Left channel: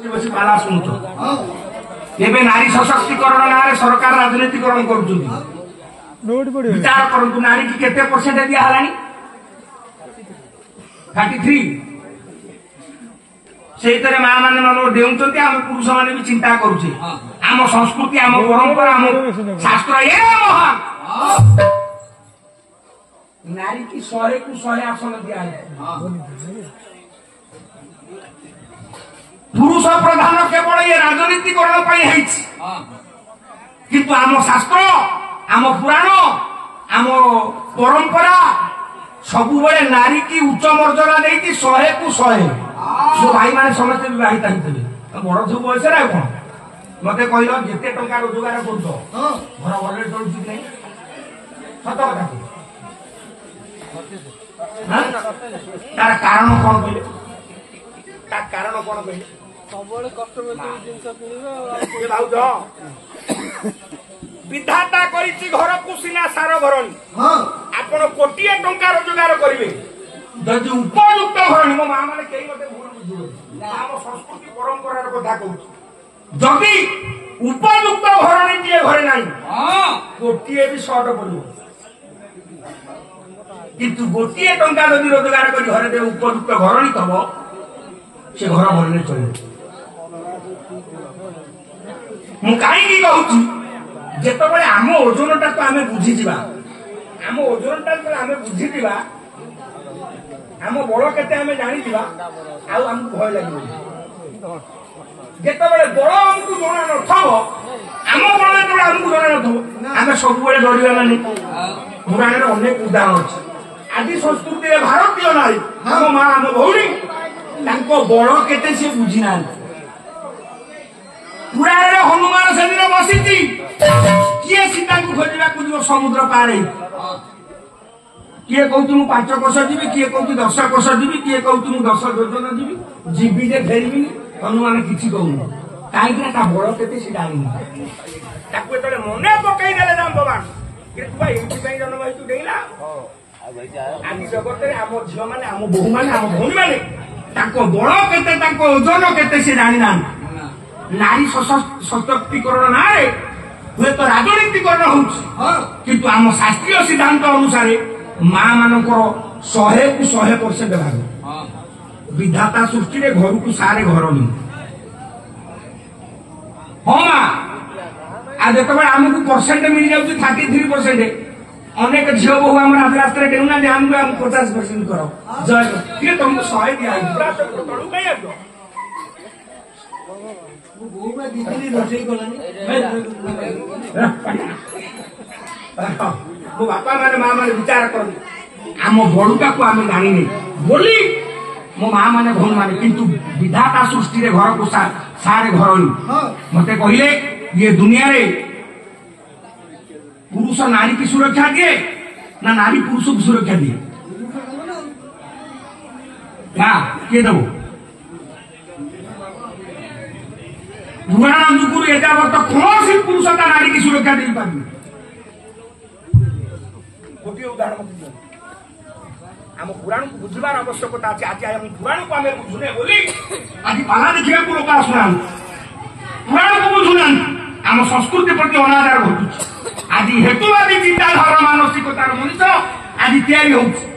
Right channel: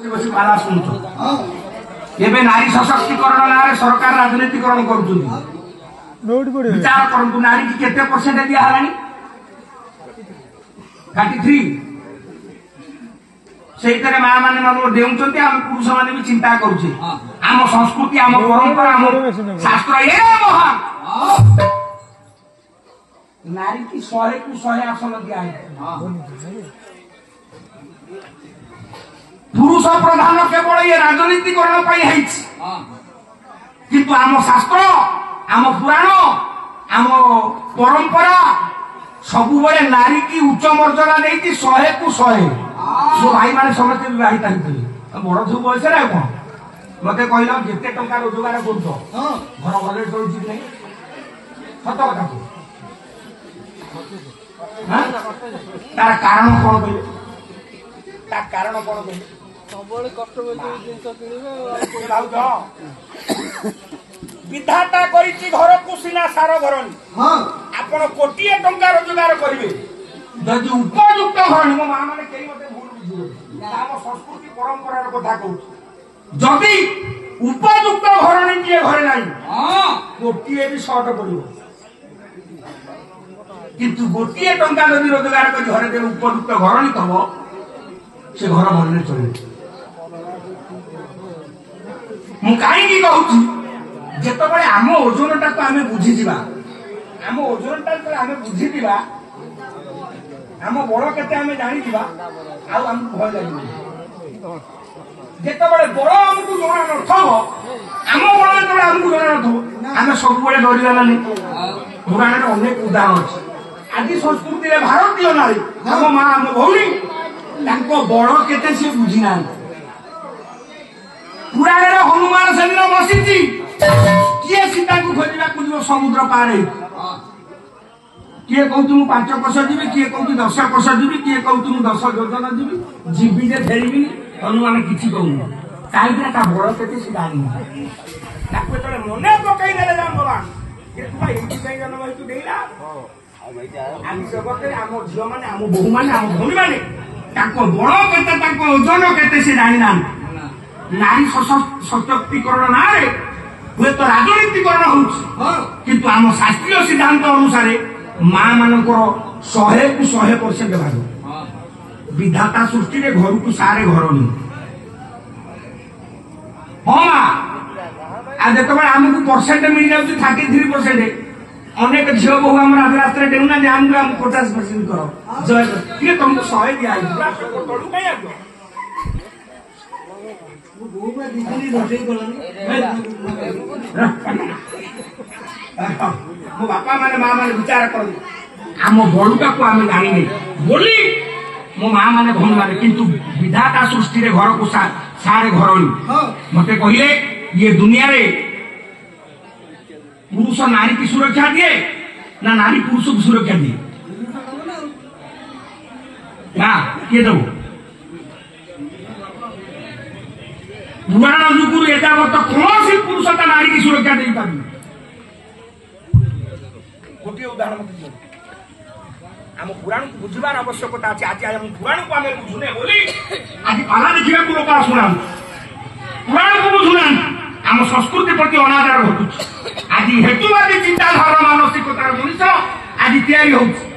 पाला शुणुच एवं नारी सशक्तिकरण ना सरकार राजनीतिकरण कर विचार करूँ नारी की केते परसेंट दिया 33 से माँ मैंने मन देउछंती आम पुरुष मैंने भी चिंता करुचे आम संस्कृति आम परंपरा आम शास्त्र ये महान नारी की 100 को 100 आसन दिया पुरुष प्रधान केवल ये राजनीतिकरण किंतु आम शास्त्र आम पुराण आम परंपरा सबु बड़े नारी की उच्च मर्यादा नहीं 100 को 100 जो भाई माने समस्त विवाहित होते बड़ सब बयस कौन मत कहल जिते टंका रोजगार कर घर भले चलुच नहीं सत कथा तार कारण कौन कहले तार कारण कौन कहले सब कष्ट विधाता करिछि घर को सिना सार भरणी आपण कोटिए टंका रोजगार करिवे जदि उपयुक्त भरणी मो मां माने केई मते भूल बुझिबे आम संस्कृति परंपरा कथा कहू जदि उपयुक्त भरणी जे घरे नाही कोटिए भी शॉर्ट पड़िबो किंतु गोटिए टंका जदि रोजगार करि घरे दे उपयुक्त घरणी तब से घर भरणे चले मु काई कहूची जेतबळे आम ओजनटा को आमे बुझी जिबा आम ओजनटा को आमे बुझी जिबा आम बळ केते आमे जानि जिबा आ हमकु भय लागिबो जेतबळे बळ हमकु जणा नथबो आम बळ जेतबळे हमकु जणा नथबो आमे सब बळे डरिबा माने पुराण रे अनेक उदाहरण अछि आदि संस्कृति रे भारतीय नारी हम मां हम भौणी तांको बळ केते से बुझी ना पुराण रे हनुमान सेदिन बसिची किए सीता को खोजा को समुद्र पार किए कहूँ 5 कोश जीवी किए कहूँ 10 कोश जीवी किए कहूँ 10 योजन जीवी जीवी जे फेरबी हनुमान किसी कहूँ कहीं बड़ के जानी मन पकई दे भगवान जन्म हो डेला आम जगत आम झील मैंने आम बोहू मैंने आम भौणी मैंने बड़ के ओजन के जानी ना नारी सशक्तिकरण ना हुए तो राजनीतिकरण हो किंतु आम शास्त्रीय सिद्धांत अनुसार मां मानकर 100 को 100% भाग विधाता सृष्टि रे घर को सारे घर नहीं हाँ माँ आज जो आमको परसेंट मिल जाऊँ 33% अनेक झील बहु आम राजरास्ता डेउना आमको 50% कर जय तुमको 100 दिया तलू कहीं मो बापा माने मां माने विचार कर आम बड़ुटा को आम जानी बोली मो मां माने भौणी माने किंतु विधाता सृष्टि रे घर को सारे घर मते कहले ये दुनिया रे पुरुष नारी की सुरक्षा दिए ना नारी पुरुष की सुरक्षा दिए ना किए दो पुराण जुगुरु एजावत कौन सी पुरुषता नारी की सुरक्षा दे पारि गोटे उदाहरण मत दियो आम पुराण को बुझबार आवश्यकता अछि आज आम पुराण को आमे बुझुने बोली आज पाला देखिया को लोक आसुना पुराण को बुझुना आम संस्कृति प्रति अनादर होतु आज हेतुवादी चिंताधारा मानसिकतार मनुष्य आज तैयारी होउछि